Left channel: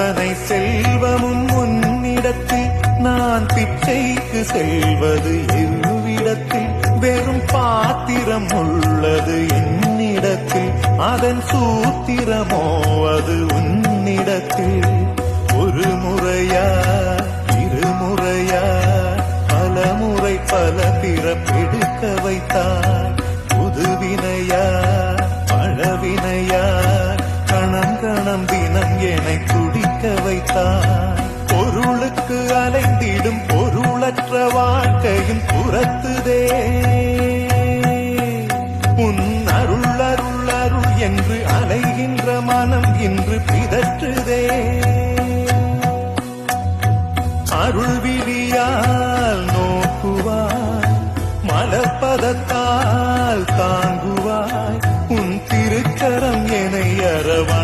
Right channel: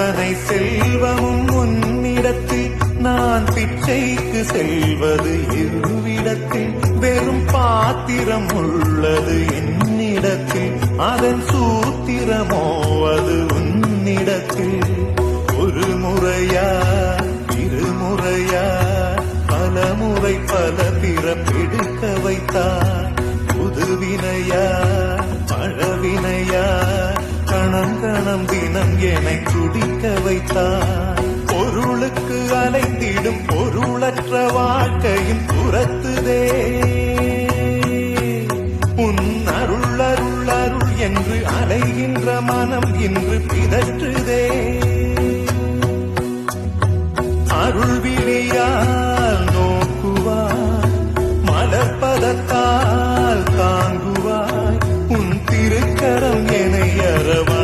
அத்தனை செல்வமும் உன்னிடத்தில் நான் பிச்சைக்கு செல்வது எவ்விடத்தில் வெறும் பாத்திரம் உள்ளது என்னிடத்தில் அதன் சூத்திரமோ அது உன்னிடத்தில் ஒரு முறையா இருமுறையா பல முறை பல பிறப்பெடுக்க வைத்தாய் புதுவினையா பழவினையா கணம் கணம் தினம் என்னை துடிக்க வைத்தாய் பொருளுக்கு அலைந்திடும் பொருளற்ற வாழ்க்கையும் புறத்துதே உன் அருள் அருள் அருள் என்று அலைகின்ற மனம் இன்று பிதற்றுதே அருள் விழியால் நோக்குவாய் மலர்பதத்தால் தாங்குவாய் உன் திருக்கரம் என்னை அரவணைக்குதே